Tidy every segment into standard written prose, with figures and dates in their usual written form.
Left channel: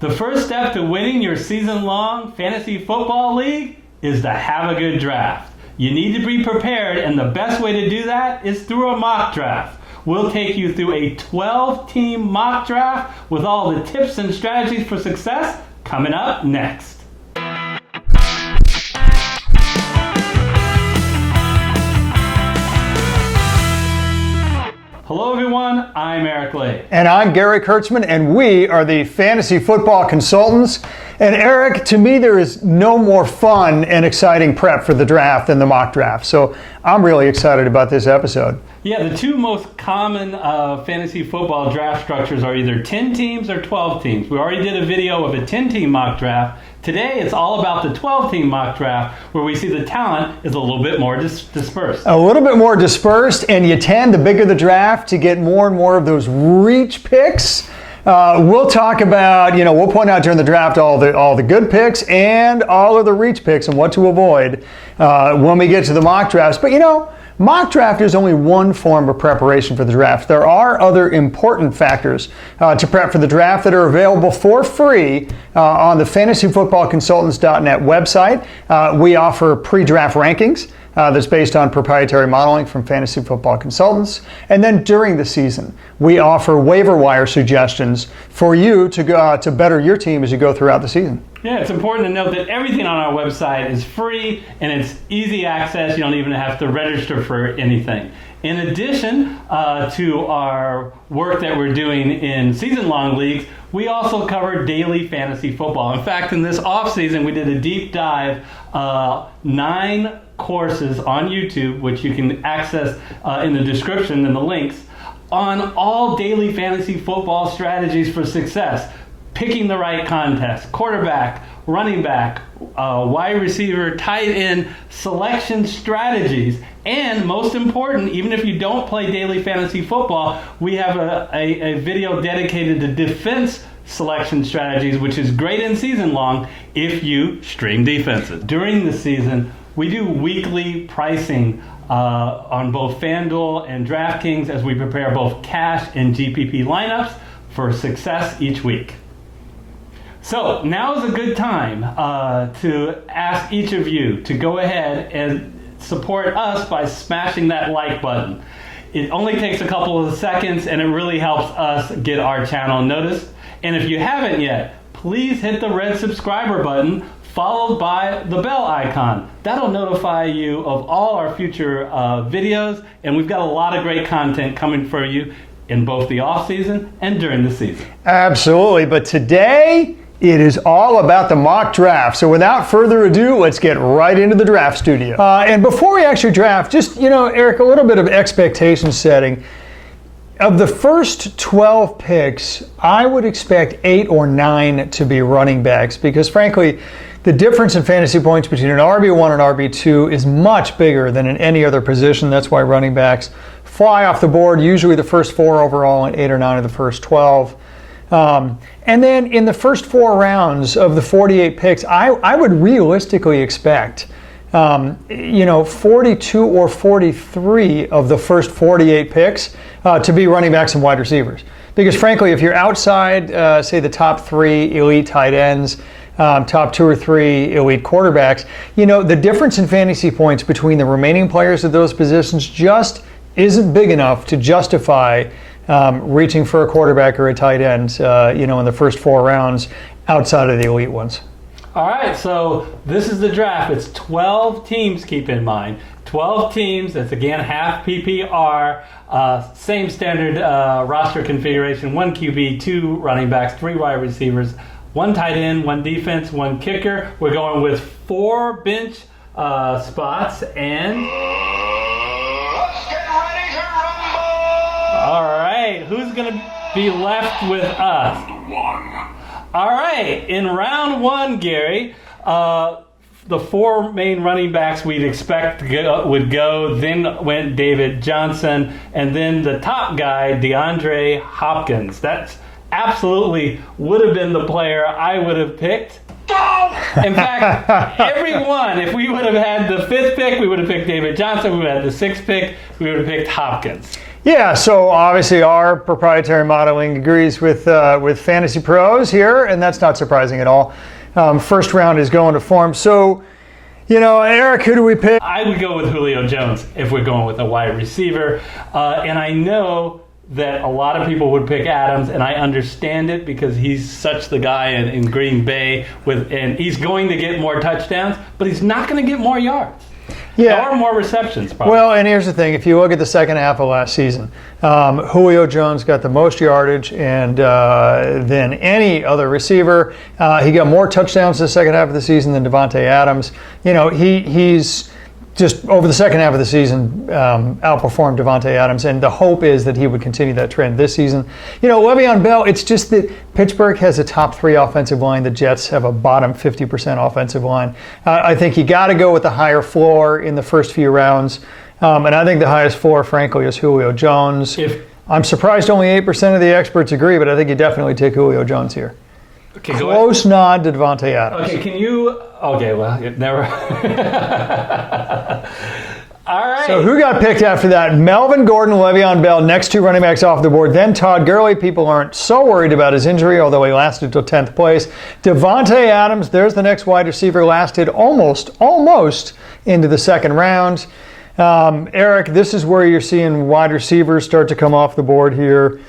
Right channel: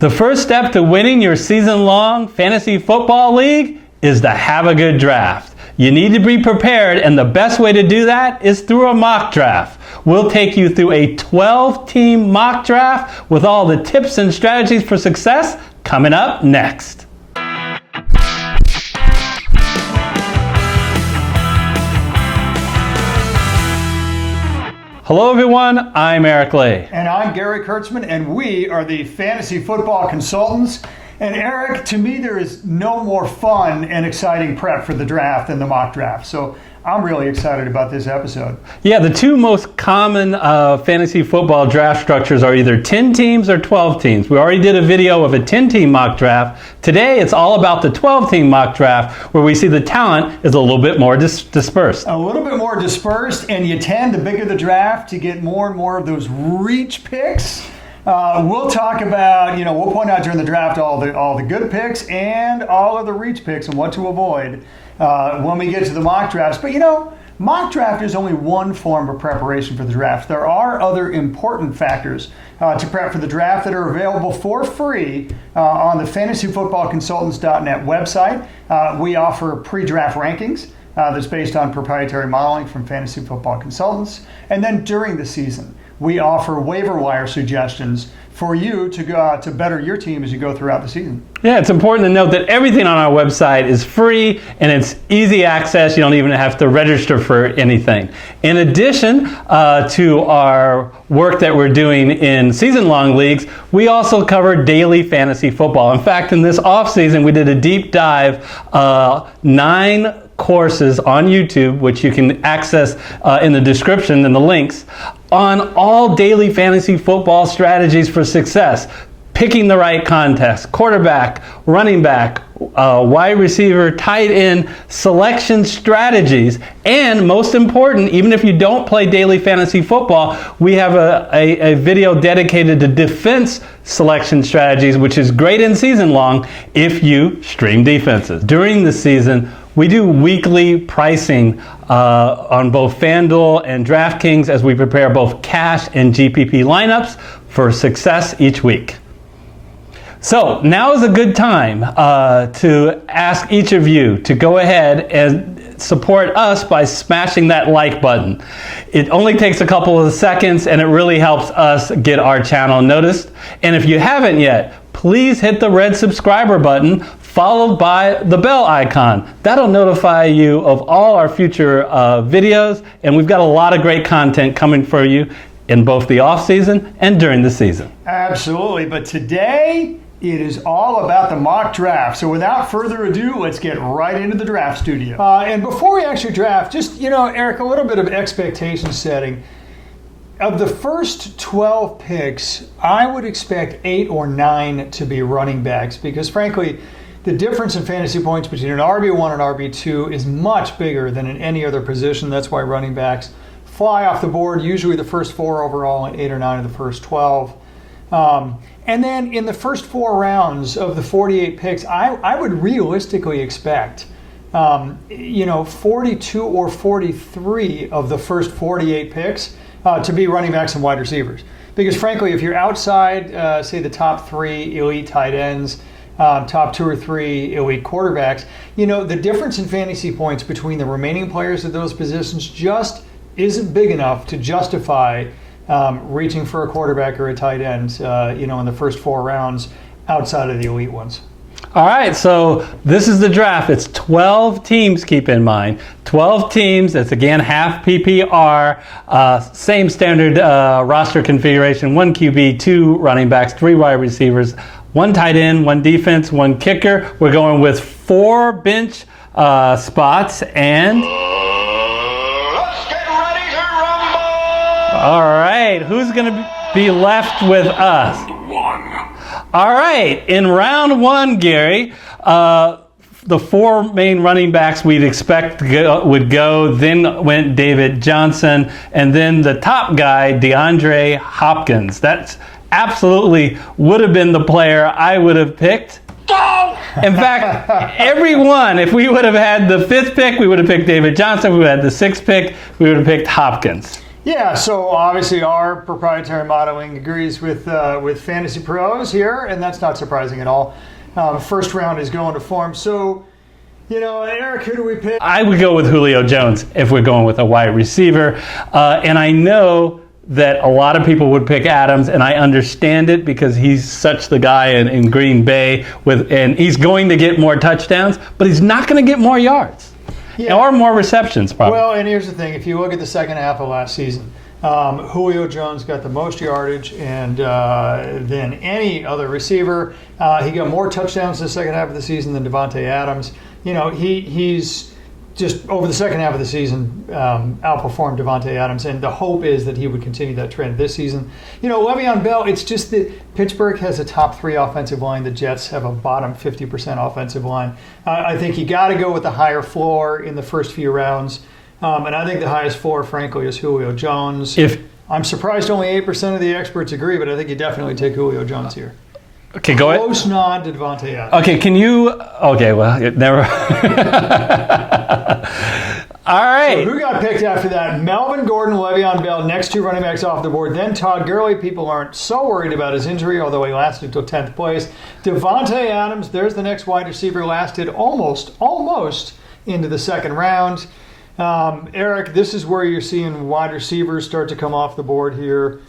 The first step to winning your season-long fantasy football league is to have a good draft. You need to be prepared, and the best way to do that is through a mock draft. We'll take you through a 12-team mock draft with all the tips and strategies for success coming up next. Hello everyone, I'm Eric Lee. And I'm Gary Kurtzman, and we are the Fantasy Football Consultants. And Eric, to me there is no more fun and exciting prep for the draft than the mock draft. So I'm really excited about this episode. Yeah, the two most common fantasy football draft structures are either 10 teams or 12 teams. We already did a video of a 10-team mock draft. Today it's all about the 12-team mock draft, where we see the talent is a little bit more dispersed. A little bit more dispersed, and you tend, the bigger the draft, to get more and more of those reach picks. We'll talk about, we'll point out during the draft all the good picks and all of the reach picks and what to avoid when we get to the mock drafts. But mock draft is only one form of preparation for the draft. There are other important factors to prep for the draft that are available for free on the fantasyfootballconsultants.net website. We offer pre-draft rankings. That's based on proprietary modeling from Fantasy Football Consultants. And then during the season, we offer waiver wire suggestions for you to go to better your team as you go throughout the season. Yeah, it's important to note that everything on our website is free and it's easy access. You don't even have to register for anything. In addition to our work that we're doing in season-long leagues, we also cover daily fantasy football. In fact, in this off-season, we did a deep dive, 9 courses on YouTube, which you can access in the description and the links, on all daily fantasy football strategies for success. Picking the right contest, quarterback, running back, wide receiver, tight end, selection strategies, and most important, even if you don't play daily fantasy football, we have a video dedicated to defense selection strategies, which is great in season long if you stream defenses. During the season, we do weekly pricing on both FanDuel and DraftKings as we prepare both cash and GPP lineups for success each week. So now is a good time to ask each of you to go ahead and support us by smashing that like button. It only takes a couple of seconds and it really helps us get our channel noticed. And if you haven't yet, please hit the red subscriber button followed by the bell icon. That'll notify you of all our future videos, and we've got a lot of great content coming for you in both the off season and during the season. Absolutely, but today it is all about the mock draft. So without further ado, let's get right into the draft studio. And before we actually draft, just, Eric, a little bit of expectation setting. Of the first 12 picks, I would expect 8 or 9 to be running backs, because frankly, the difference in fantasy points between an RB1 and RB2 is much bigger than in any other position. That's why running backs fly off the board, usually the first 4 overall and 8 or 9 of the first 12. And then in the first 4 rounds of the 48 picks, I would realistically expect 42 or 43 of the first 48 picks to be running backs and wide receivers. Because frankly, if you're outside, say the top 3 elite tight ends, top 2 or 3 elite quarterbacks, the difference in fantasy points between the remaining players at those positions just isn't big enough to justify reaching for a quarterback or a tight end, in the first 4 rounds outside of the elite ones. All right, so this is the draft. It's 12 teams, keep in mind. 12 teams, that's again half PPR, same standard roster configuration, 1 QB, 2 running backs, 3 wide receivers, 1 tight end, 1 defense, 1 kicker. We're going with 4 bench spots and... Let's get ready to rumble! All right, who's going to be left with us? All right, in round 1, Gary, the 4 main running backs we'd expect would go, then went David Johnson, and then the top guy, DeAndre Hopkins. That's absolutely would have been the player I would have picked. In fact, everyone, if we would have had the 5th pick, we would have picked David Johnson. If we had the 6th pick, we would have picked Hopkins. Yeah, so obviously our proprietary modeling agrees with Fantasy Pros here, and that's not surprising at all. First round is going to form. So, Eric, who do we pick? I would go with Julio Jones if we're going with a wide receiver. And I know that a lot of people would pick Adams, and I understand it because he's such the guy in Green Bay, and he's going to get more touchdowns, but he's not going to get more yards. Yeah. Or more receptions, probably. Well, and here's the thing. If you look at the second half of last season, Julio Jones got the most yardage than any other receiver. He got more touchdowns in the second half of the season than Davante Adams. He's just over the second half of the season outperformed Davante Adams, and the hope is that he would continue that trend this season. Le'Veon Bell, it's just that Pittsburgh has a top 3 offensive line. The Jets have a bottom 50% offensive line. I think you got to go with the higher floor in the first few rounds, and I think the highest floor, frankly, is Julio Jones. I'm surprised only 8% of the experts agree, but I think you definitely take Julio Jones here. Okay, go ahead. Close nod to Davante Adams. Okay, can you? Okay, well, never. All right. So who got picked after that? Melvin Gordon, Le'Veon Bell, next 2 running backs off the board. Then Todd Gurley. People aren't so worried about his injury, although he lasted till 10th place. Davante Adams, there's the next wide receiver, lasted almost into the second round. Eric, this is where you're seeing wide receivers start to come off the board here.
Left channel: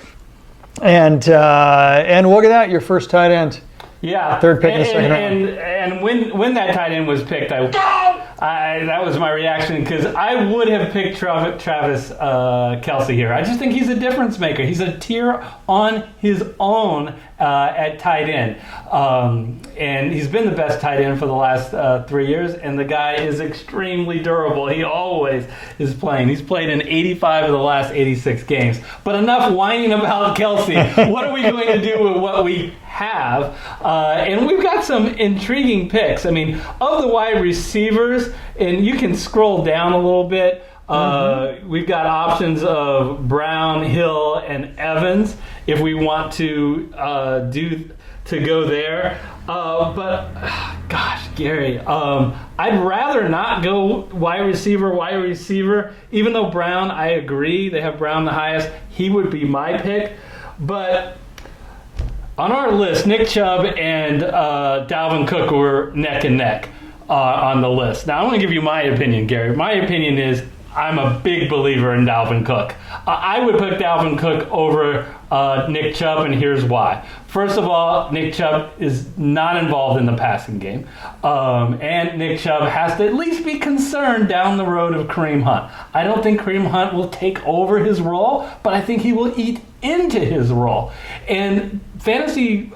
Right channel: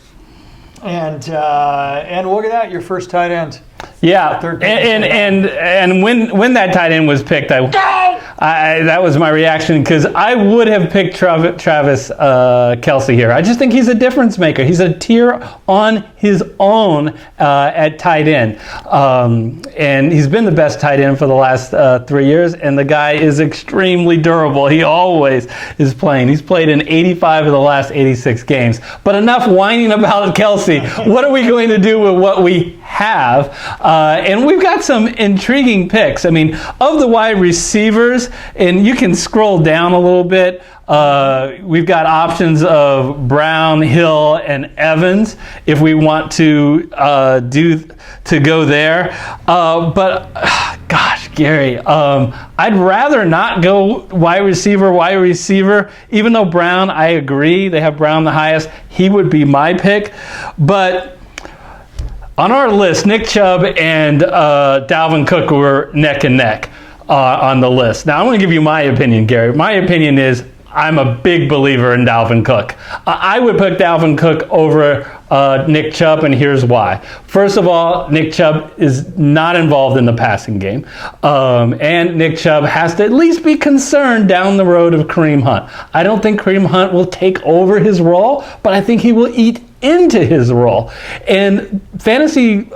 And look at that, your first tight end. Yeah, Third pick and when that tight end was picked, that was my reaction because I would have picked Travis Kelce here. I just think he's a difference maker. He's a tier on his own at tight end, and he's been the best tight end for the last 3 years. And the guy is extremely durable. He always is playing. He's played in 85 of the last 86 games. But enough whining about Kelce. What are we going to do with what we have? And we've got some intriguing picks. I mean, of the wide receivers, and you can scroll down a little bit. We've got options of Brown, Hill, and Evans if we want to go there. But gosh, Gary, I'd rather not go wide receiver. Even though Brown, I agree, they have Brown the highest. He would be my pick, but. On our list, Nick Chubb and Dalvin Cook were neck and neck on the list. Now, I'm going to give you my opinion, Gary. My opinion is I'm a big believer in Dalvin Cook. I would put Dalvin Cook over Nick Chubb, and here's why. First of all, Nick Chubb is not involved in the passing game, and Nick Chubb has to at least be concerned down the road of Kareem Hunt. I don't think Kareem Hunt will take over his role, but I think he will eat into his role. And fantasy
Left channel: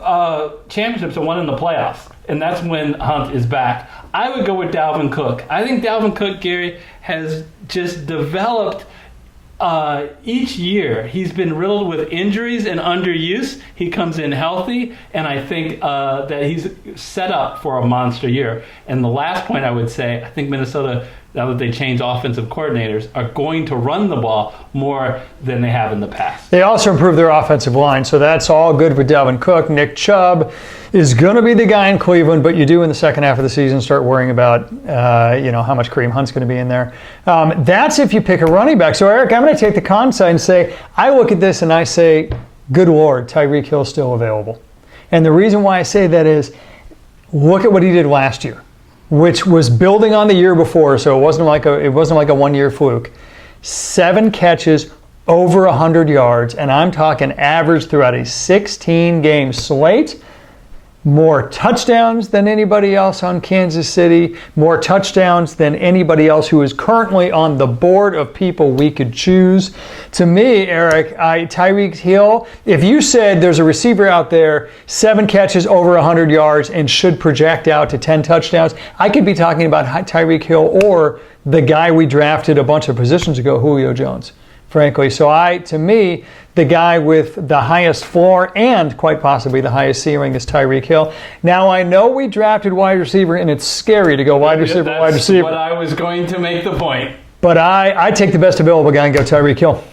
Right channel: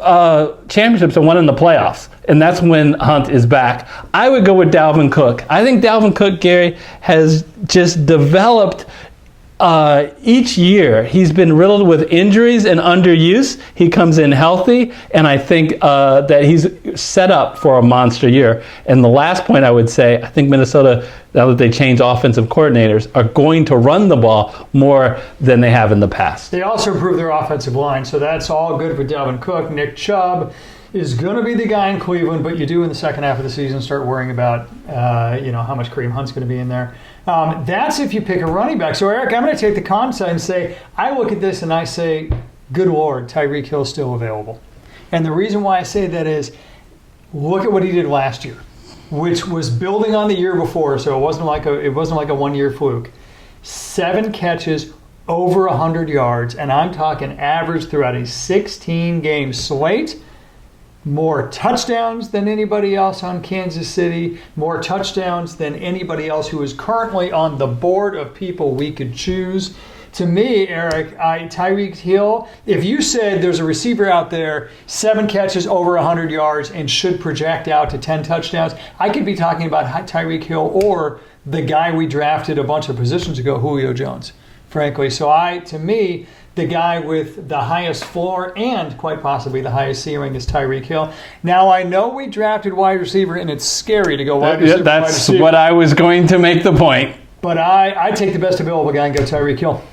championships are won in the playoffs, and that's when Hunt is back. I would go with Dalvin Cook. I think Dalvin Cook, Gary, has just developed each year. He's been riddled with injuries and underuse. He comes in healthy, and I think that he's set up for a monster year. And the last point I would say, I think Minnesota, now that they changed offensive coordinators, are going to run the ball more than they have in the past. They also improved their offensive line, so that's all good for Dalvin Cook. Nick Chubb is going to be the guy in Cleveland, but you do in the second half of the season start worrying about how much Kareem Hunt's going to be in there. That's if you pick a running back. So, Eric, I'm going to take the con side and say, I look at this and I say, good Lord, Tyreek Hill's still available. And the reason why I say that is, look at what he did last year, which was building on the year before, so it wasn't like a one-year fluke. 7 catches, over 100 yards, and I'm talking average throughout a 16-game slate. More touchdowns than anybody else on Kansas City, more touchdowns than anybody else who is currently on the board of people we could choose. To me, Eric, Tyreek Hill, if you said there's a receiver out there, 7 catches over 100 yards and should project out to 10 touchdowns, I could be talking about Tyreek Hill or the guy we drafted a bunch of positions ago, Julio Jones, frankly. So to me, the guy with the highest floor and quite possibly the highest ceiling is Tyreek Hill. Now, I know we drafted wide receiver, and it's scary to go wide receiver, wide receiver. That's what I was going to make the point. But I take the best available guy and go Tyreek Hill.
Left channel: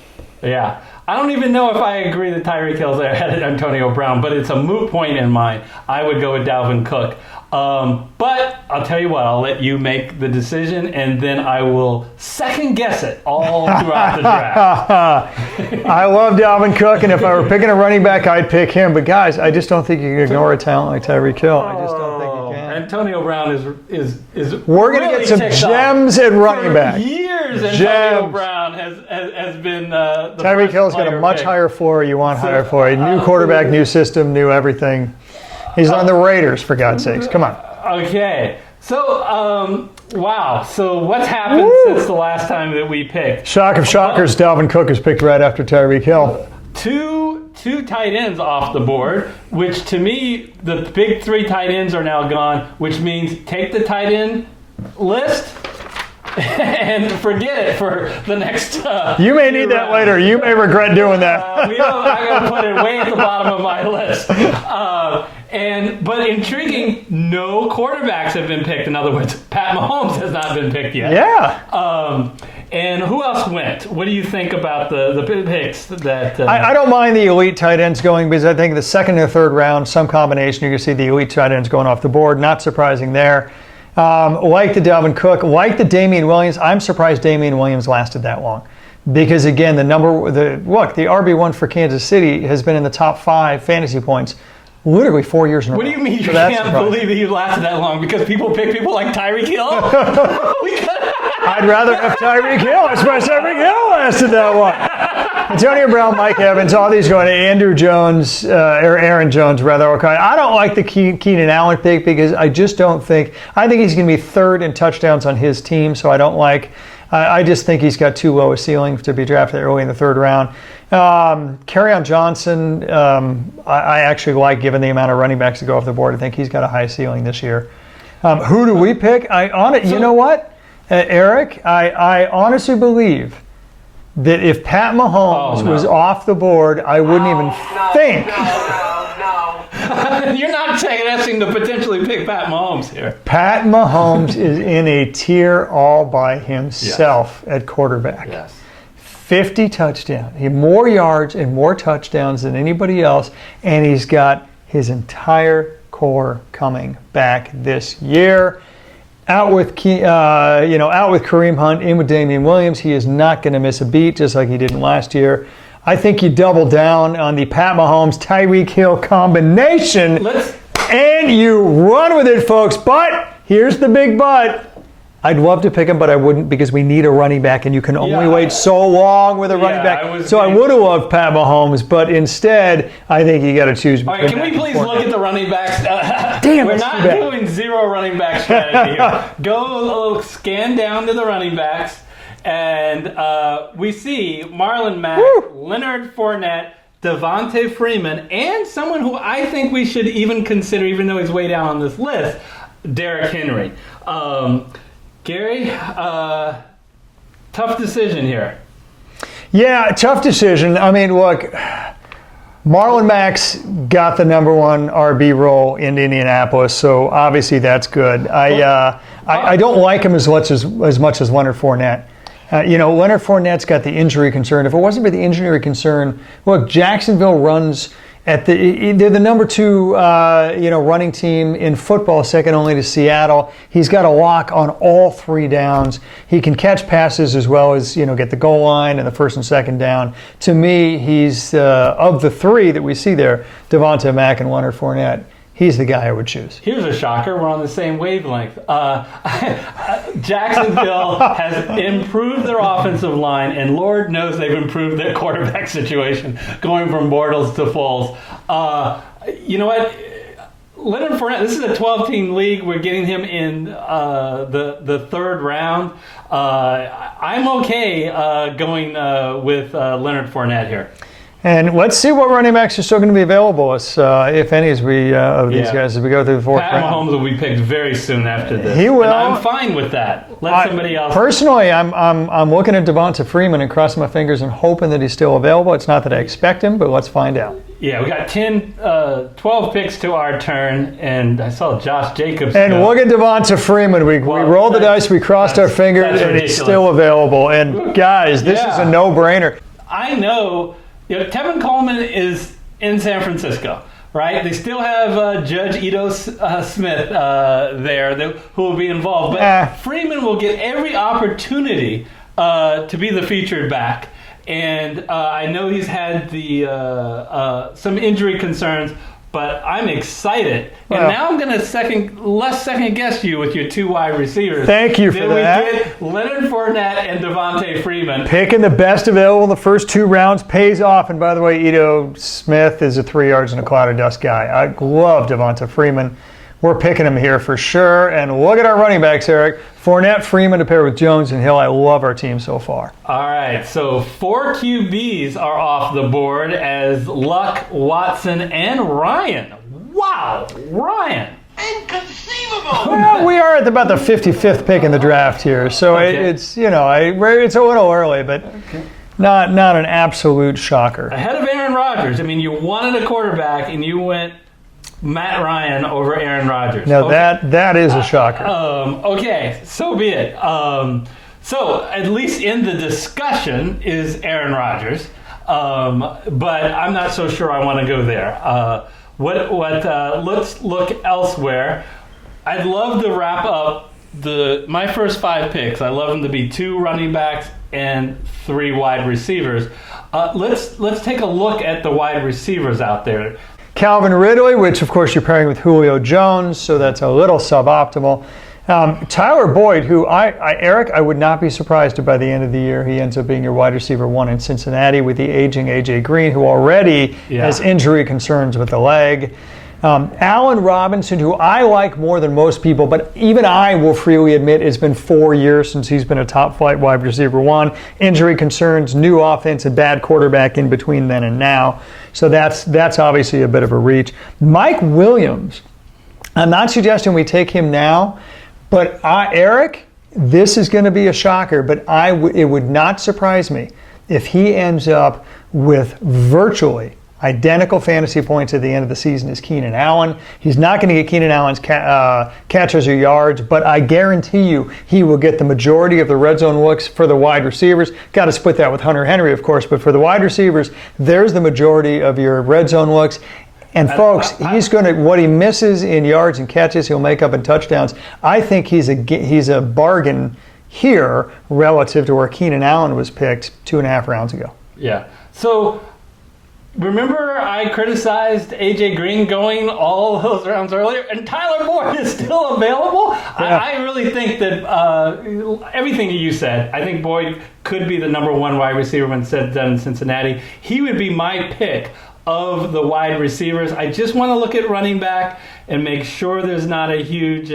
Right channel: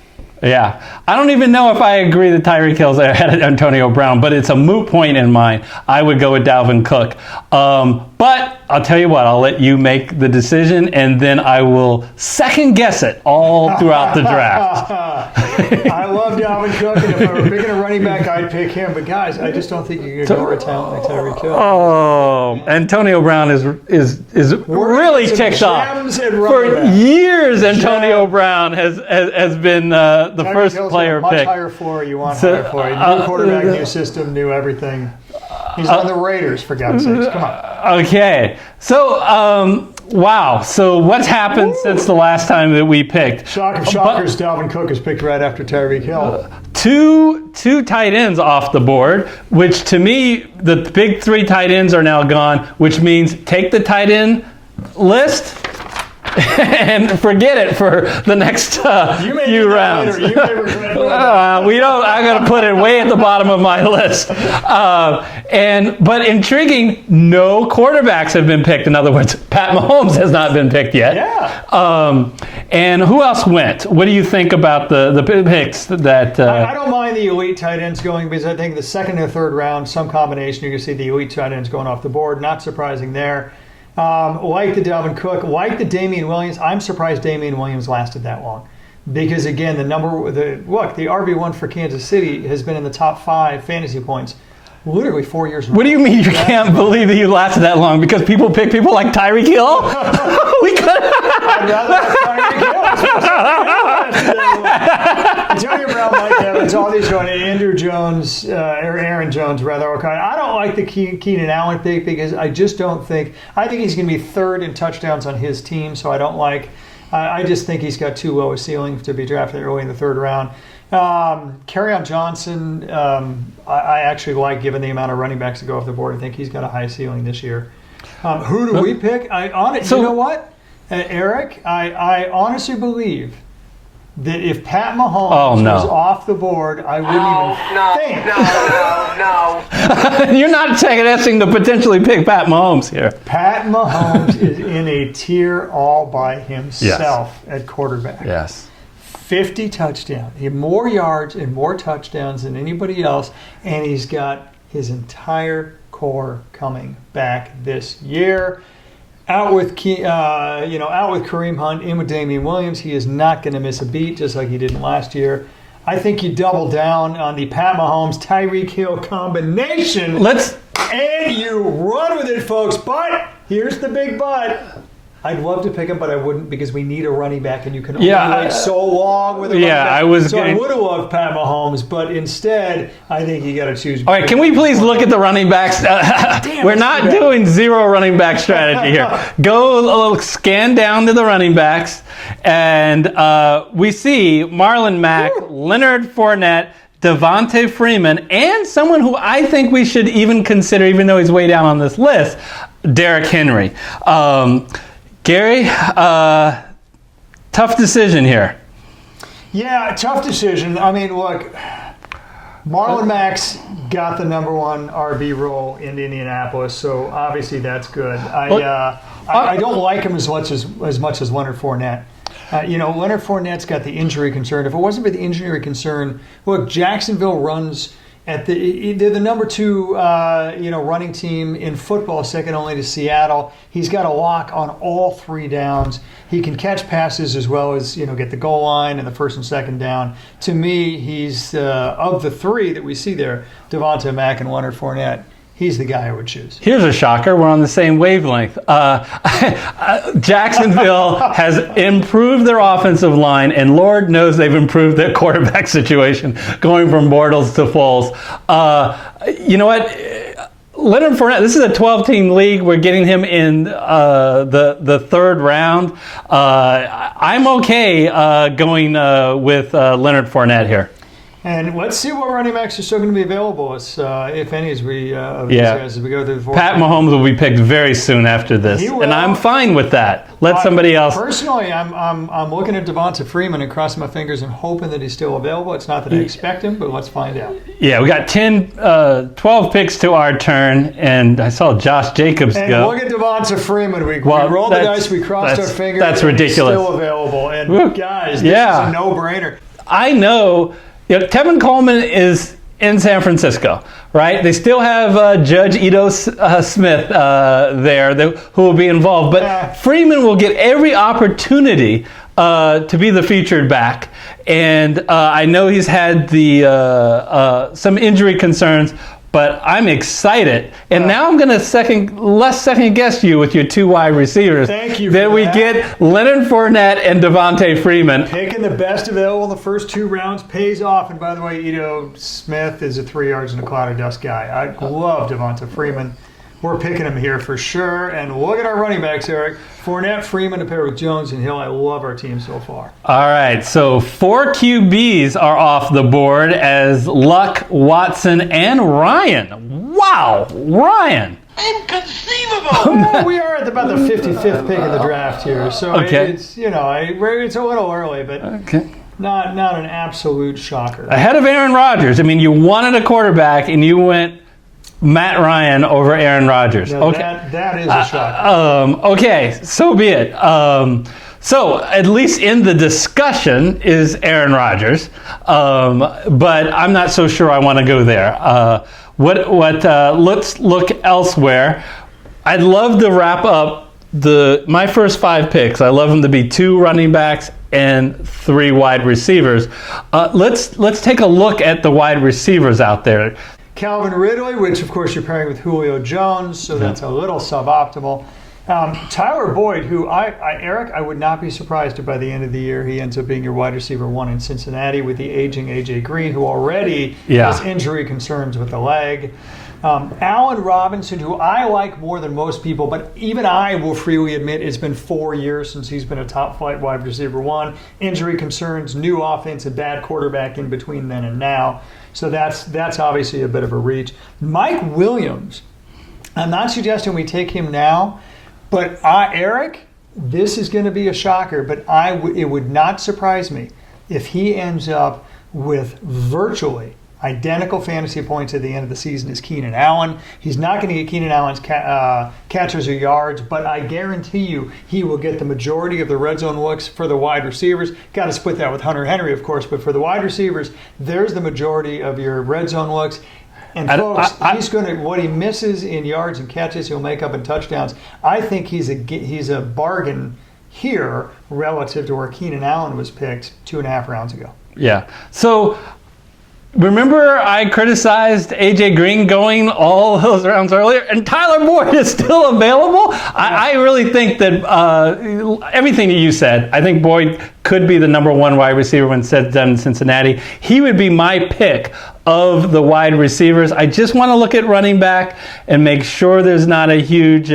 Yeah. I don't even know if I agree that Tyreek Hill's ahead of Antonio Brown, but it's a moot point in mine. I would go with Dalvin Cook. But I'll tell you what, I'll let you make the decision, and then I will second guess it all throughout the draft. I love Dalvin Cook, and if I were picking a running back, I'd pick him. But guys, I just don't think you can ignore a talent like Tyreek Hill. Oh, Antonio Brown is really ticked off. Gems and running For back. years, Antonio Brown has been the Tyreek first Hill's got player a much picked. higher floor. You want higher floor. New quarterback, new system, new everything. He's on the Raiders, for God's sakes. Come on. Okay. So, wow. So what's happened since the last time that we picked? Shock of shockers, Dalvin Cook is picked right after Tyreek Hill. Two tight ends off the board, which to me, the big three tight ends are now gone, which means take the tight end list and forget it for the next You may few need that rounds. later. You may regret doing that. We don't. I'm going to put it way at the bottom of my list. But intriguing, no quarterbacks have been picked. In other words, Pat Mahomes has not been picked yet. Yeah. And who else went? What do you think about the picks that? I don't mind the elite tight ends going because I think the second and third round, some combination, you can see the elite tight ends going off the board. Not surprising there. Like the Dalvin Cook, like the Damian Williams. I'm surprised Damian Williams lasted that long. Because again, the RB1 for Kansas City has been in the top 5 fantasy points literally 4 years in a row. What do you mean you So that's can't surprising. believe that you lasted that long? Because people pick people like Tyreek Hill? I'd rather have Tyreek Hill. Especially Tyreek Hill lasted that long. Antonio Brown, Mike Evans, all these going to Andrew Jones, or Aaron Jones, rather. Okay. I don't like the Keenan Allen pick because I just don't think, I think he's going to be third in touchdowns on his team, so I just think he's got too low a ceiling to be drafted early in the third round. Kerryon Johnson, I actually like given the amount of running backs that go off the board. I think he's got a high ceiling this year. Who do we pick? You know what, Eric? I honestly believe that if Pat Mahomes was off the board, I wouldn't even think. You're not guessing to potentially pick Pat Mahomes here. Pat Mahomes is in a tier all by himself at quarterback. Yes. 50 touchdowns. He had more yards and more touchdowns than anybody else, and he's got his entire core coming back this year. Out with Kareem Hunt, in with Damian Williams. He is not going to miss a beat, just like he didn't last year. I think you double down on the Pat Mahomes Tyreek Hill combination. And you run with it, folks. But here's the big but. I'd love to pick him, but I wouldn't because we need a running back, and you can only wait so long with a running back. I would have loved Pat Mahomes, but instead, I think you got to choose. All right, can we please look at the running backs? We're not doing zero running back strategy here. Go scan down to the running backs, and we see Marlon Mack, Leonard Fournette, Devontae Freeman, and someone who I think we should even consider, even though he's way down on this list, Derrick Henry. Gary, tough decision here. Yeah, tough decision. I mean, look, Marlon Mack's got the number 1 RB role in Indianapolis, so obviously that's good. I don't like him as much as Leonard Fournette. Leonard Fournette's got the injury concern. If it wasn't for the injury concern, look, Jacksonville runs they're the number 2 running team in football, second only to Seattle. He's got a lock on all 3 downs. He can catch passes as well as get the goal line and the first and second down. To me, he's of the 3 that we see there, Devontae Mack and Leonard Fournette. He's the guy I would choose. Here's a shocker. We're on the same wavelength. Jacksonville has improved their offensive line, and Lord knows they've improved their quarterback situation, going from Bortles to Foles. You know what? Leonard Fournette, this is a 12-team league. We're getting him in the third round. I'm okay going with Leonard Fournette here. And let's see what running backs are still going to be available, if any, of these guys as we go through the fourth Pat round. Mahomes will be picked very soon after this. He will. And I'm fine with that. Let somebody else. Personally, I'm looking at Devonta Freeman and crossing my fingers and hoping that he's still available. It's not that I expect him, but let's find out. Yeah, we got 12 picks to our turn, and I saw Josh Jacobs And go. look at Devonta Freeman. We rolled the dice, we crossed our fingers, That's and ridiculous. he's still available. And guys, this is a no-brainer. I know, Tevin Coleman is in San Francisco, right? They still have Judge Ito Smith there who will be involved. But Freeman will get every opportunity to be the featured back. And I know he's had some injury concerns, but I'm excited. And now I'm going to second guess you with your 2 wide receivers. Thank you for that. Then we get Leonard Fournette and Davante Freeman. Picking the best available in the first 2 rounds pays off. And by the way, Ito Smith is a 3 yards in a cloud of dust guy. I love Davante Freeman. We're picking him here for sure. And look at our running backs, Eric. Fournette, Freeman to pair with Jones and Hill. I love our team so far. All right, so 4 QBs are off the board as Luck, Watson, and Ryan. Wow, Ryan. Inconceivable! Well, we are at about the 55th pick in the draft here, so it's it's a little early, but not an absolute shocker. Ahead of Aaron Rodgers. I mean, you wanted a quarterback, and you went Matt Ryan over Aaron Rodgers. Now that is a shocker. Okay, so be it. So at least in the discussion is Aaron Rodgers, but I'm not so sure I want to go there. Let's look elsewhere. I'd love to wrap up my first 5 picks. I love them to be 2 running backs and 3 wide receivers. Let's take a look at the wide receivers out there. Calvin Ridley, which of course you're pairing with Julio Jones, so that's a little suboptimal. Tyler Boyd, who Eric, I would not be surprised if by the end of the year he ends up being your wide receiver 1 in Cincinnati with the aging A.J. Green, who already has injury concerns with the leg. Allen Robinson, who I like more than most people, but even I will freely admit it's been 4 years since he's been a top-flight wide receiver 1. Injury concerns, new offense, a bad quarterback in between then and now. So that's obviously a bit of a reach. Mike Williams, I'm not suggesting we take him now, but Eric, this is going to be a shocker, but it would not surprise me if he ends up with virtually identical fantasy points at the end of the season as Keenan Allen. He's not going to get Keenan Allen's catches or yards, but I guarantee you he will get the majority of the red zone looks for the wide receivers. Got to split that with Hunter Henry, of course, but for the wide receivers, there's the majority of your red zone looks. And folks, he's going to, what he misses in yards and catches, he'll make up in touchdowns. I think he's a bargain here relative to where Keenan Allen was picked 2.5 rounds ago. Yeah. So remember I criticized A.J. Green going all those rounds earlier, and Tyler Boyd is still available? I really think that everything that you said, I think Boyd could be the number 1 wide receiver when said done in Cincinnati. He would be my pick of the wide receivers. I just want to look at running back and make sure there's not a huge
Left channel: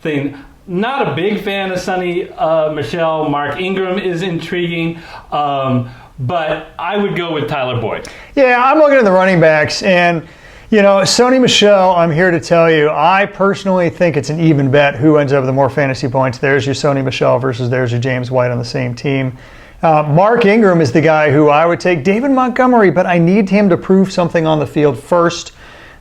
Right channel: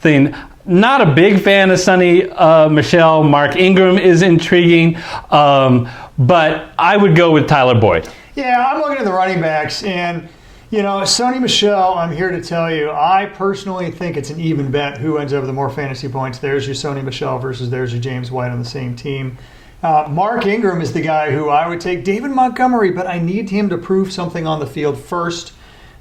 thing. Not a big fan of Sonny Michel. Mark Ingram is intriguing, but I would go with Tyler Boyd. Yeah, I'm looking at the running backs, and Sonny Michel, I'm here to tell you, I personally think it's an even bet who ends up with the more fantasy points. There's your Sonny Michel versus there's your James White on the same team. Mark Ingram is the guy who I would take. David Montgomery, but I need him to prove something on the field first.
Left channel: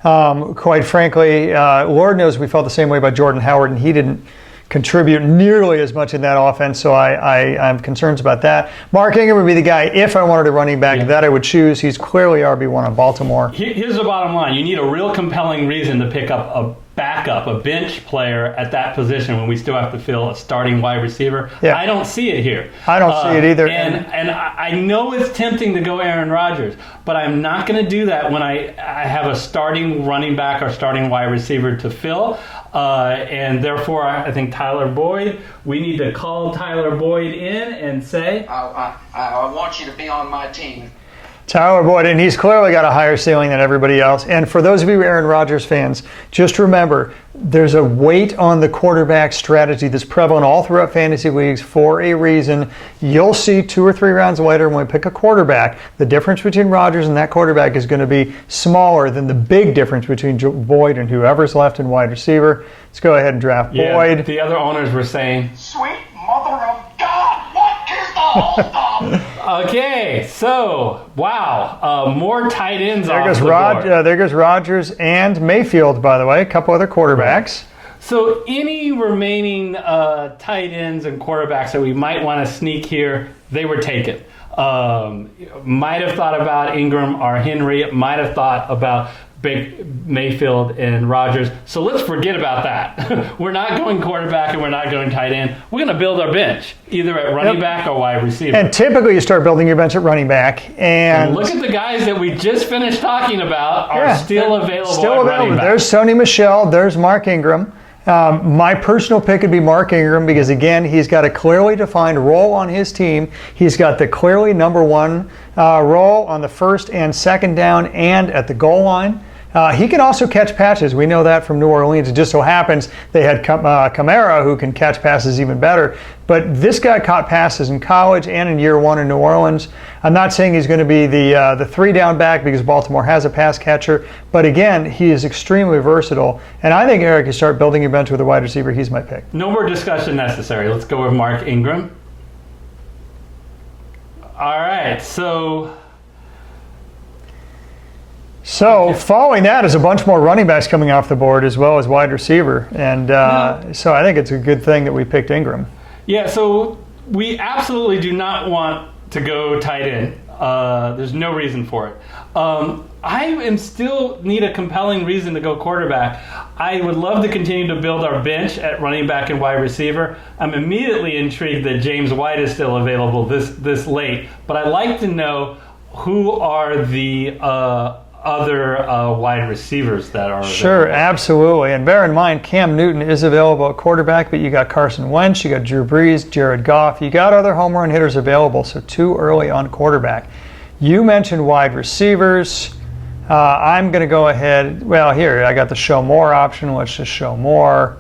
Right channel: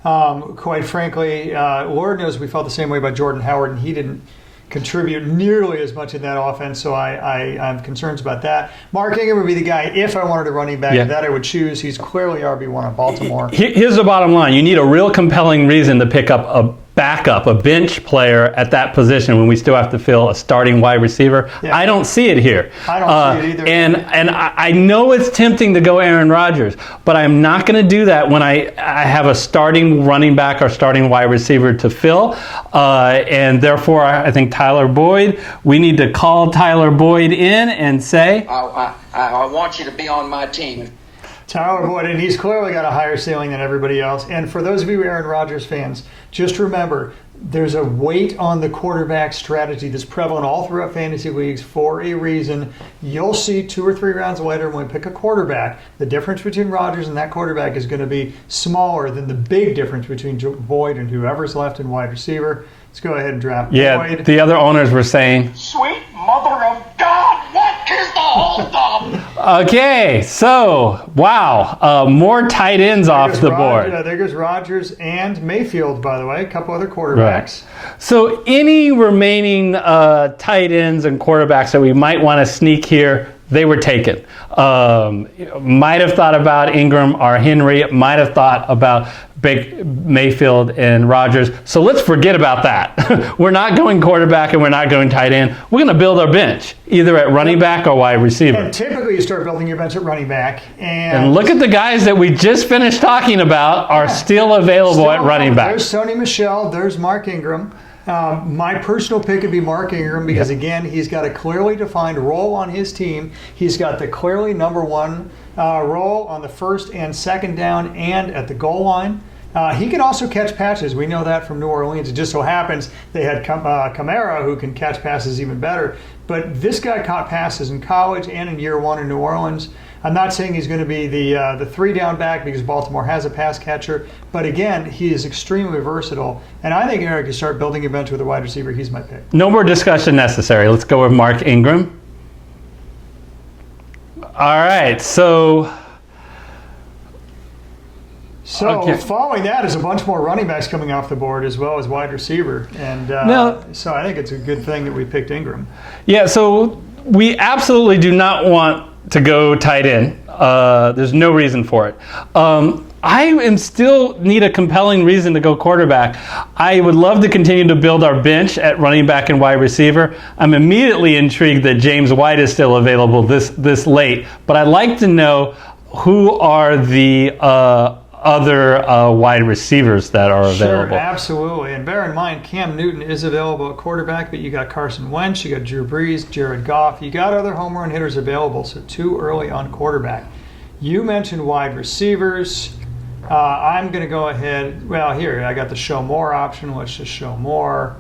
Quite frankly, Lord knows we felt the same way about Jordan Howard, and he didn't contribute nearly as much in that offense, so I have concerns about that. Mark Ingram would be the guy, if I wanted a running back, that I would choose. He's clearly RB1 on Baltimore. Here's the bottom line. You need a real compelling reason to pick up a backup, a bench player at that position when we still have to fill a starting wide receiver. I don't see it here. I don't see it either. And I know it's tempting to go Aaron Rodgers, but I'm not going to do that when I have a starting running back or starting wide receiver to fill. And therefore, I think Tyler Boyd, we need to call Tyler Boyd in and say, I want you to be on my team. Tyler Boyd, and he's clearly got a higher ceiling than everybody else. And for those of you Aaron Rodgers fans, just remember, there's a weight on the quarterback strategy that's prevalent all throughout fantasy leagues for a reason. You'll see 2 or 3 rounds later when we pick a quarterback, the difference between Rodgers and that quarterback is going to be smaller than the big difference between Boyd and whoever's left in wide receiver. Let's go ahead and draft Boyd. The other owners were saying, Sweet mother of God, what is the holdup? Okay, so, wow, more tight ends off the board. There goes Rodgers and Mayfield, by the way, a couple other quarterbacks. Right. So any remaining tight ends and quarterbacks that we might want to sneak here, they were taken. Might have thought about Ingram or Henry, might have thought about Mayfield and Rodgers. So let's forget about that. We're not going quarterback and we're not going tight end. We're going to build our bench, either at running back or wide receiver. And typically you start building your bench at running back. And look at the guys that we just finished talking about are still available at running back. There's Sony Michel. There's Mark Ingram. My personal pick would be Mark Ingram because, again, he's got a clearly defined role on his team. He's got the clearly number one role on the first and second down and at the goal line. He can also catch passes. We know that from New Orleans. It just so happens they had Kamara, who can catch passes even better. But this guy caught passes in college and in year one in New Orleans. I'm not saying he's going to be the three-down back because Baltimore has a pass catcher. But again, he is extremely versatile. And I think Eric, you start building your bench with a wide receiver. He's my pick. No more discussion necessary. Let's go with Mark Ingram. All right, so following that is a bunch more running backs coming off the board as well as wide receiver. And so I think it's a good thing that we picked Ingram. Yeah, so we absolutely do not want to go tight end. There's no reason for it. I still need a compelling reason to go quarterback. I would love to continue to build our bench at running back and wide receiver. I'm immediately intrigued that James White is still available this late, but I'd like to know who are the other wide receivers that are available. Sure, absolutely. And bear in mind, Cam Newton is available at quarterback, but you got Carson Wentz, you got Drew Brees, Jared Goff. You got other home run hitters available, so too early on quarterback. You mentioned wide receivers. I'm going to go ahead. Well, here, I got the show more option. Let's just show more.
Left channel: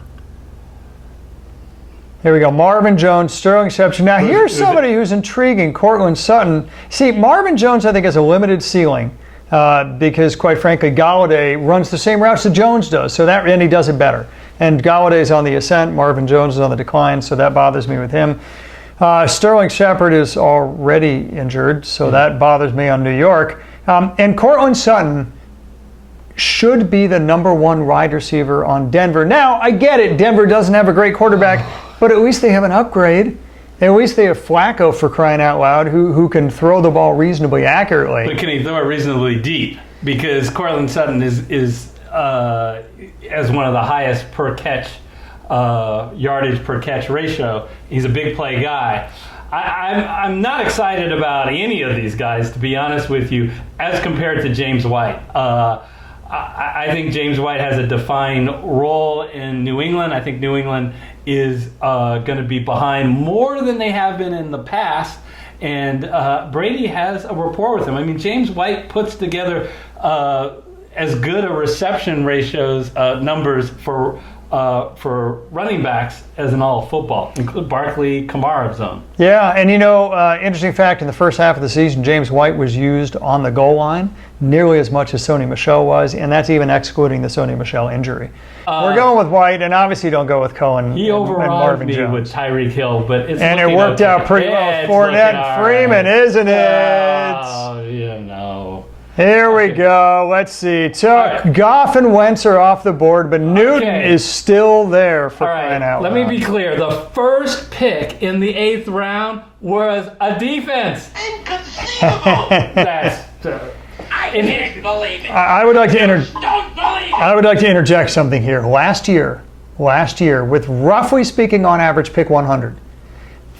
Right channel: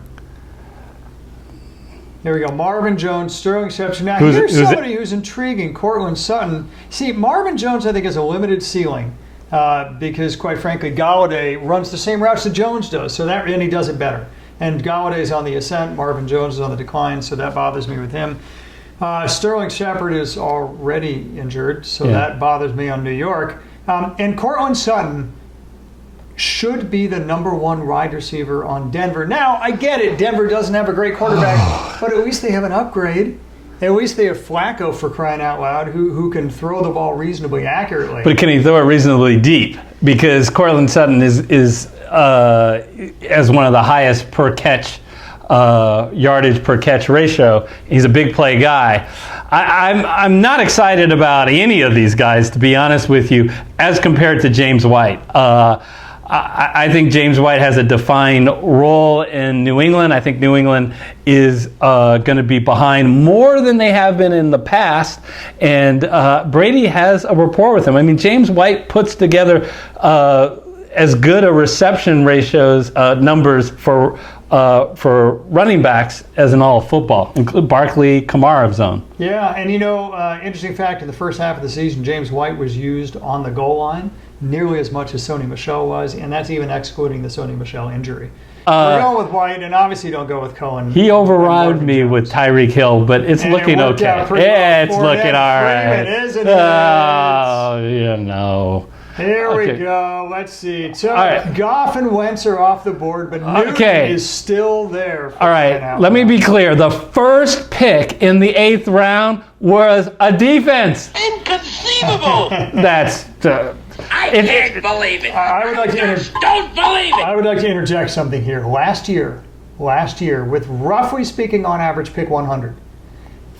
Here we go. Marvin Jones, Sterling Shepard. Now, here's somebody who's intriguing, Cortland Sutton. See, Marvin Jones, I think, has a limited ceiling. Because, quite frankly, Galladay runs the same routes that Jones does, and he does it better. And Galladay's on the ascent, Marvin Jones is on the decline, so that bothers me with him. Sterling Shepard is already injured, so that bothers me on New York. And Cortland Sutton should be the number one wide receiver on Denver. Now, I get it, Denver doesn't have a great quarterback, but at least they have an upgrade. At least they have Flacco, for crying out loud, who can throw the ball reasonably accurately. But can he throw it reasonably deep? Because Cortland Sutton is as one of the highest per catch yardage per catch ratio. He's a big play guy. I'm not excited about any of these guys, to be honest with you, as compared to James White. I think James White has a defined role in New England. I think New England is going to be behind more than they have been in the past. And Brady has a rapport with him. I mean, James White puts together as good a reception ratios numbers for running backs as in all of football, include Barkley, Kamara zone. Yeah, and interesting fact, in the first half of the season, James White was used on the goal line nearly as much as Sony Michel was, and that's even excluding the Sony Michel injury. We're going with White, and obviously don't go with Cohen. He overrode me with Tyreek Hill, but it's looking okay. And it worked out pretty well it's for looking all Freeman, right. Isn't it? Oh, yeah, no. Here we go. Let's see. So Goff and Wentz are off the board, but Newton is still there. All right. Let me be clear. The first pick in the 8th round was a defense. Inconceivable! That's. I can't believe it. I would like to Don't believe it. I would like to interject something here. Last year, with roughly speaking on average pick 100,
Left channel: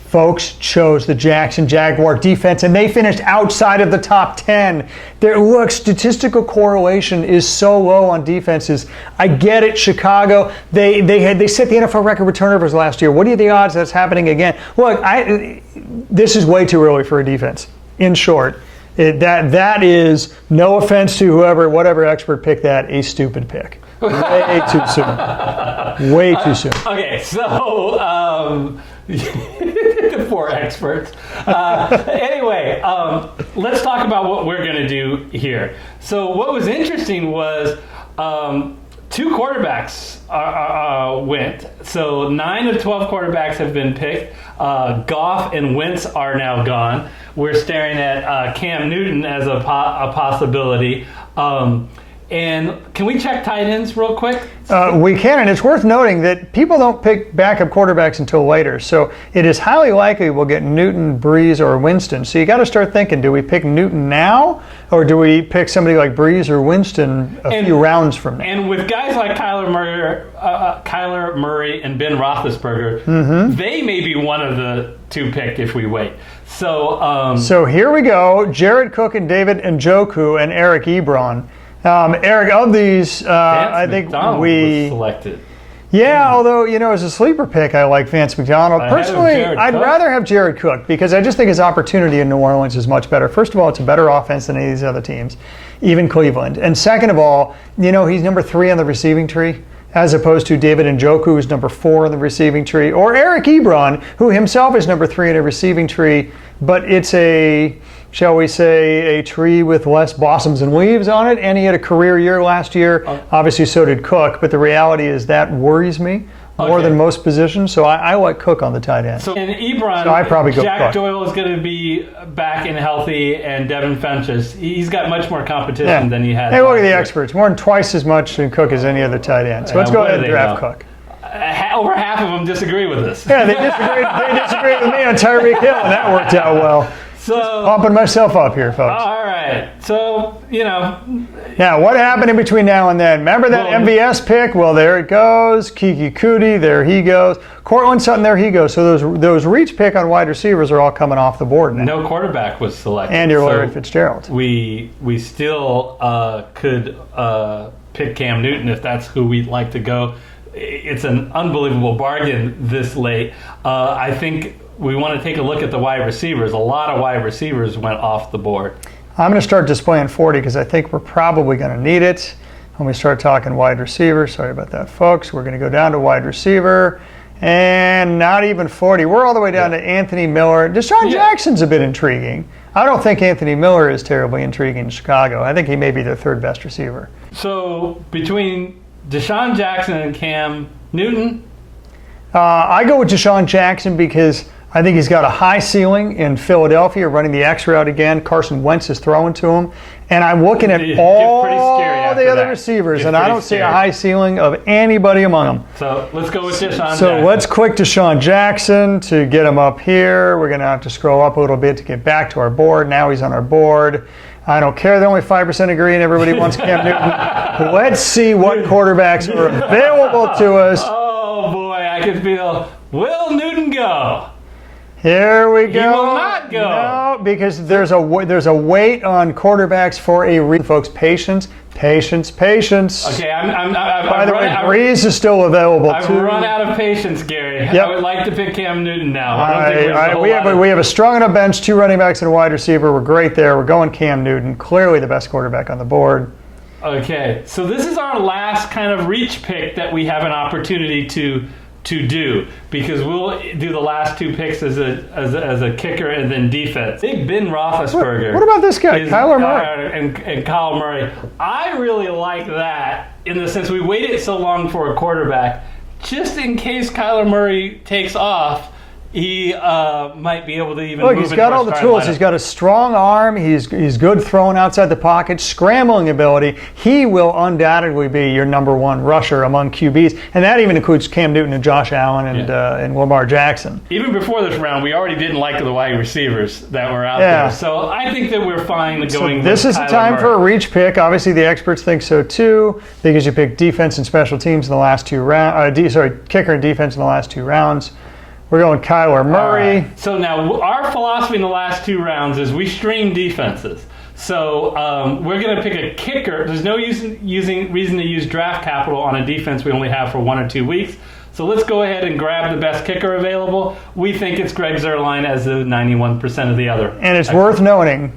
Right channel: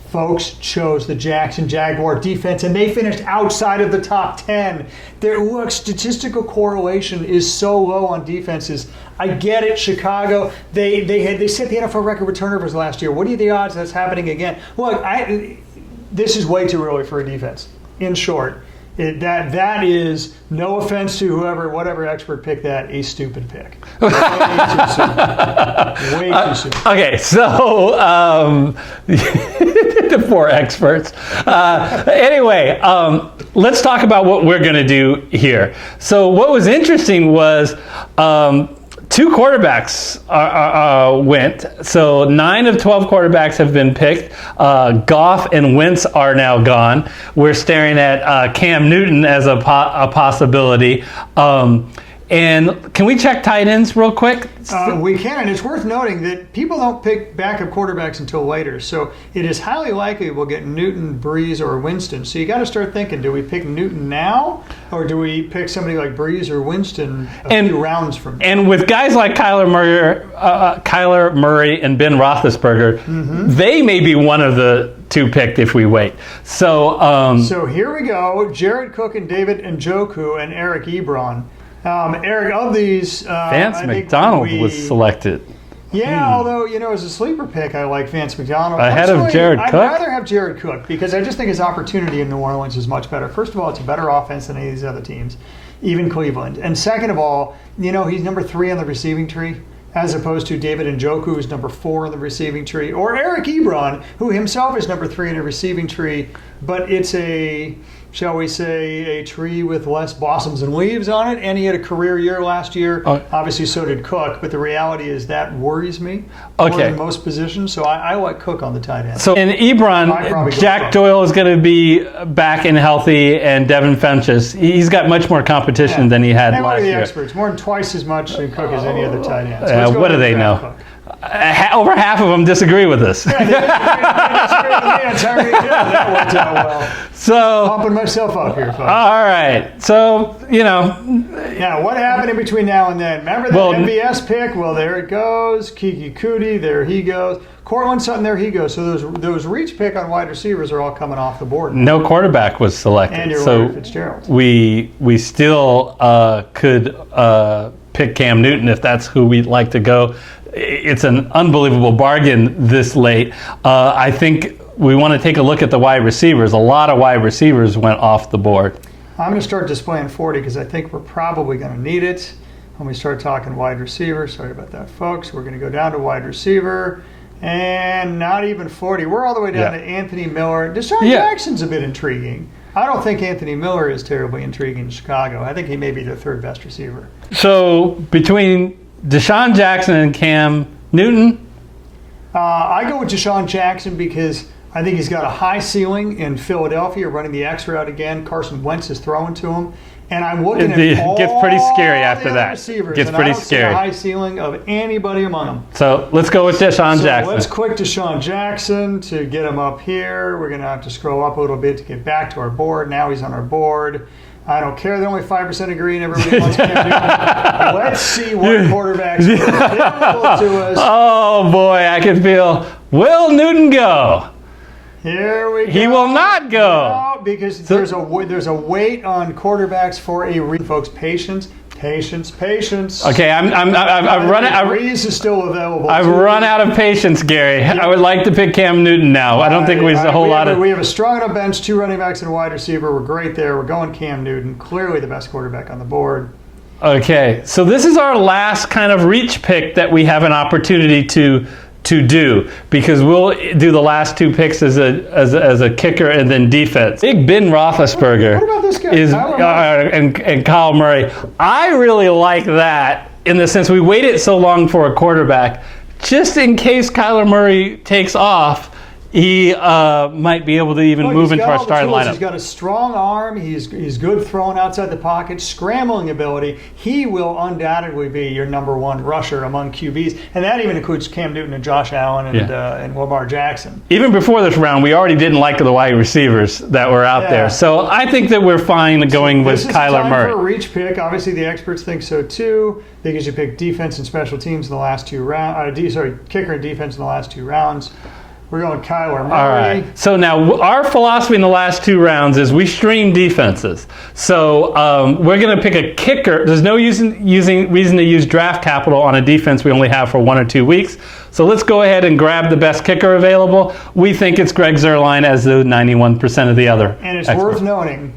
folks chose the Jackson Jaguar defense, and they finished outside of the top 10. Statistical correlation is so low on defenses. I get it, Chicago. They set the NFL record with turnovers last year. What are the odds that's happening again? Look, this is way too early for a defense. In short, that is, no offense to whatever expert picked that, a stupid pick. Way too soon. Way too soon. Okay, so the 4 experts. Anyway, let's talk about what we're going to do here. So what was interesting was 2 quarterbacks went. So 9 of 12 quarterbacks have been picked. Goff and Wentz are now gone. We're staring at Cam Newton as a possibility. And can we check tight ends real quick? We can, and it's worth noting that people don't pick backup quarterbacks until later. So it is highly likely we'll get Newton, Breeze, or Winston. So you got to start thinking, do we pick Newton now, or do we pick somebody like Breeze or Winston a few rounds from now? And with guys like Kyler Murray and Ben Roethlisberger, they may be one of the two picked if we wait. So here we go. Jared Cook and David Njoku and Eric Ebron. Eric, of these, I think McDonald was selected. Yeah, although, as a sleeper pick, I like Vance McDonald. Ahead of Jared I'd Cook? rather have Jared Cook because I just think his opportunity in New Orleans is much better. First of all, it's a better offense than any of these other teams, even Cleveland. And second of all, he's number 3 on the receiving tree, as opposed to David Njoku, who's number 4 on the receiving tree, or Eric Ebron, who himself is number 3 in a receiving tree, but it's shall we say, a tree with less blossoms and leaves on it, and he had a career year last year. Obviously, so did Cook, but the reality is that worries me more than most positions, so I like Cook on the tight end. So in Ebron, Jack Doyle is going to be back and healthy, and Devin Funchess, he's got much more competition than he had last year. Hey, look at the experts. More than twice as much in Cook as any other tight end. So let's go ahead and draft Cook. Over half of them disagree with this. Yeah, they disagree with me on Tyreek Hill. That worked out well. So pumping myself up here, folks. All right. So, Yeah, what happened in between now and then? Remember that MVS pick? Well, there it goes. Kiki Kuti, there he goes. Cortland Sutton, there he goes. So those reach pick on wide receivers are all coming off the board now. No quarterback was selected. And your Larry Fitzgerald. We still could pick Cam Newton if that's who we'd like to go. It's an unbelievable bargain this late. I think we want to take a look at the wide receivers. A lot of wide receivers went off the board. I'm going to start displaying 40 because I think we're probably going to need it when we start talking wide receiver. Sorry about that, folks. We're going to go down to wide receiver, and not even 40. We're all the way down to Anthony Miller. Deshaun Jackson's a bit intriguing. I don't think Anthony Miller is terribly intriguing in Chicago. I think he may be their 3rd best receiver. So between Deshaun Jackson and Cam Newton? I go with Deshaun Jackson because I think he's got a high ceiling in Philadelphia, running the X route again. Carson Wentz is throwing to him. And I'm looking at all pretty scary after the other that. receivers, and I don't see a high ceiling of anybody among them. So let's go with Deshaun Jackson. So let's click Deshaun Jackson to get him up here. We're going to have to scroll up a little bit to get back to our board. Now he's on our board. I don't care. They're only 5% agree, and everybody wants Cam Newton. Let's see what quarterbacks are available to us. Oh boy, I can feel. Will Newton go? Here we go. He will not go. No, because there's a wait on quarterbacks for a reason, folks. Patience. Okay, I'm running. Breeze is still available. I've run out of patience, Gary. Yep. I would like to pick Cam Newton now. I don't think there's a whole lot of. We have a strong enough bench, 2 running backs and a wide receiver. We're great there. We're going Cam Newton, clearly the best quarterback on the board. Okay, so this is our last kind of reach pick that we have an opportunity to do, because we'll do the last 2 picks as a kicker and then defense. Big Ben Roethlisberger. What about this guy, Kyler Murray? And Kyle Murray. I really like that in the sense we waited so long for a quarterback, just in case Kyler Murray takes off. He might be able to even move into our starting lineup. He's got a strong arm. He's good throwing outside the pocket, scrambling ability. He will undoubtedly be your number 1 rusher among QBs, and that even includes Cam Newton and Josh Allen and Lamar Jackson. Even before this round, we already didn't like the wide receivers that were out there, so I think that we're fine going with Kyler Murray. This is the time for a reach pick. Obviously, the experts think so too, because you pick defense and special teams in the last 2 rounds. Kicker and defense in the last 2 rounds. We're going Kyler Murray. All right. So now our philosophy in the last 2 rounds is we stream defenses. So we're going to pick a kicker. There's no reason to use draft capital on a defense we only have for 1 or 2 weeks. So let's go ahead and grab the best kicker available. We think it's Greg Zuerlein as the 91% of the other. And it's worth noting,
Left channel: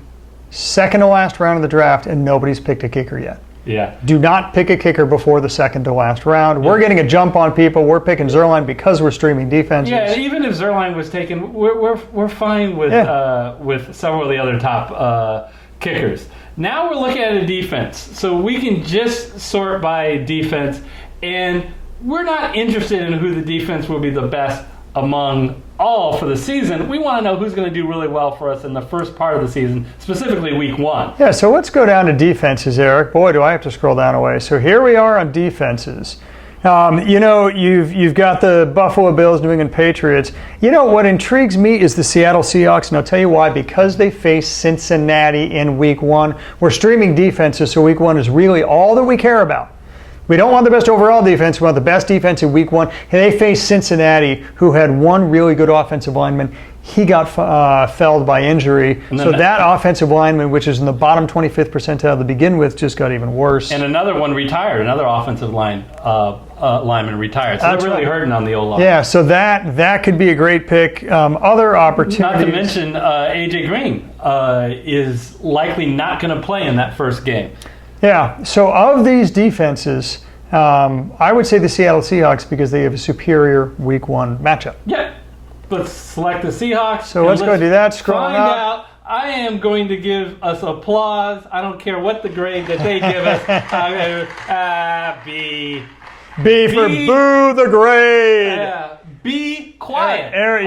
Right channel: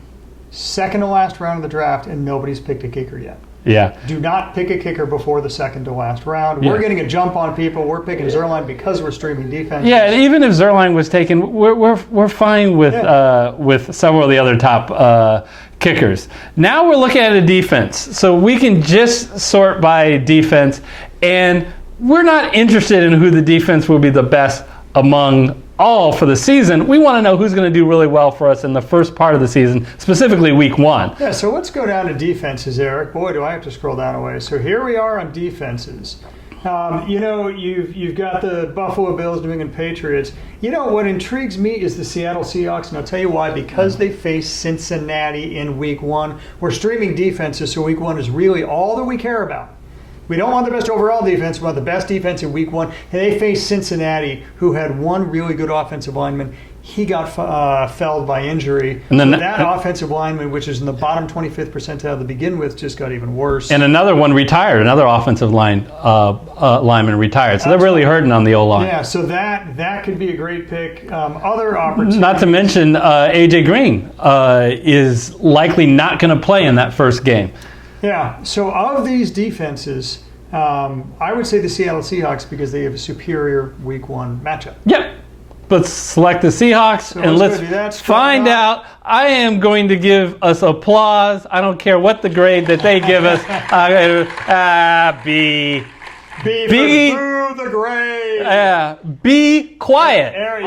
2nd to last round of the draft, and nobody's picked a kicker yet. Yeah. Do not pick a kicker before the 2nd to last round. We're getting a jump on people. We're picking Zuerlein because we're streaming defense. Yeah, and even if Zuerlein was taken, we're fine with several of the other top kickers. Now we're looking at a defense. So we can just sort by defense, and we're not interested in who the defense will be the best among all for the season. We want to know who's going to do really well for us in the first part of the season, specifically week 1. Yeah, so let's go down to defenses, Eric. Boy, do I have to scroll down a way. So here we are on defenses. You've got the Buffalo Bills, New England Patriots. What intrigues me is the Seattle Seahawks, and I'll tell you why. Because they face Cincinnati in week 1. We're streaming defenses, so week 1 is really all that we care about. We don't want the best overall defense. We want the best defense in week 1. And they face Cincinnati, who had one really good offensive lineman. He got felled by injury. So that offensive lineman, which is in the bottom 25th percentile to begin with, just got even worse. And another one retired. Another offensive lineman retired. So they're really hurting on the O-line. Yeah, so that could be a great pick. Other opportunities. Not to mention A.J. Green is likely not going to play in that first game. Yeah, so of these defenses, I would say the Seattle Seahawks because they have a superior week 1 matchup. Yeah. Let's select the Seahawks. So let's go do that. Find out. I am going to give us applause. I don't care what the grade that they give us. B. B for boo the grade. Be quiet. Eric,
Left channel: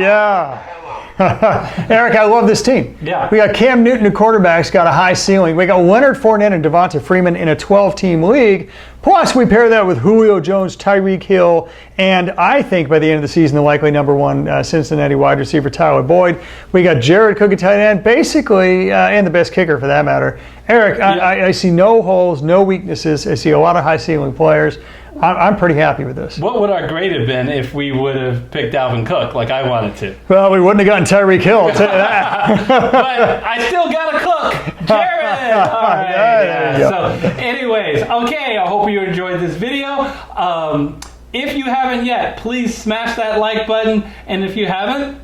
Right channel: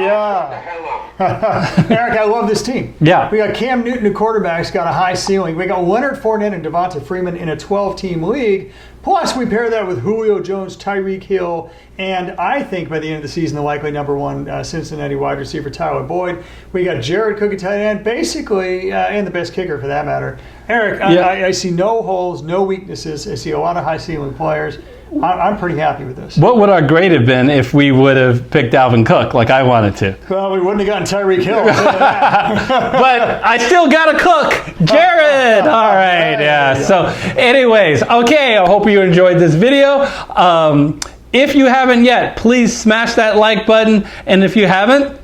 I love this team. Yeah. We got Cam Newton, who quarterback's got a high ceiling. We got Leonard Fournette and Devonta Freeman in a 12-team league. Plus, we pair that with Julio Jones, Tyreek Hill, and I think by the end of the season, the likely number 1 Cincinnati wide receiver, Tyler Boyd. We got Jared Cook at tight end, basically, and the best kicker for that matter. Eric, I see no holes, no weaknesses. I see a lot of high ceiling players. I'm pretty happy with this. What would our grade have been if we would have picked Alvin Cook like I wanted to? Well, we wouldn't have gotten Tyreek Hill. I'll tell you that. But I still got a cook, Jared. All right. So, anyways, okay. I hope you enjoyed this video. If you haven't yet, please smash that like button, and if you haven't,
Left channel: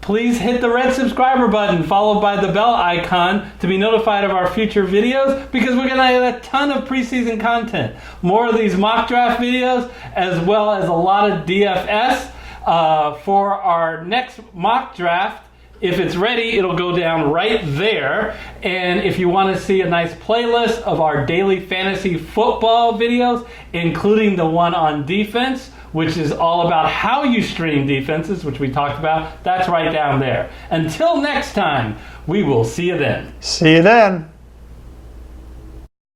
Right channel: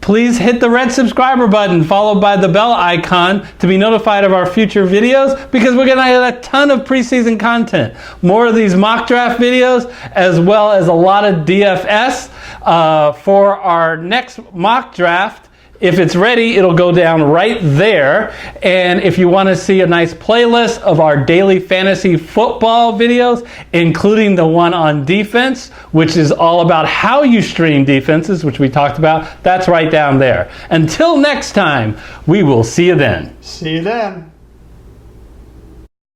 please hit the red subscriber button followed by the bell icon to be notified of our future videos, because we're going to have a ton of preseason content. More of these mock draft videos, as well as a lot of DFS. For our next mock draft, if it's ready, it'll go down right there. And if you want to see a nice playlist of our daily fantasy football videos, including the one on defense, which is all about how you stream defenses, which we talked about, that's right down there. Until next time, we will see you then. See you then.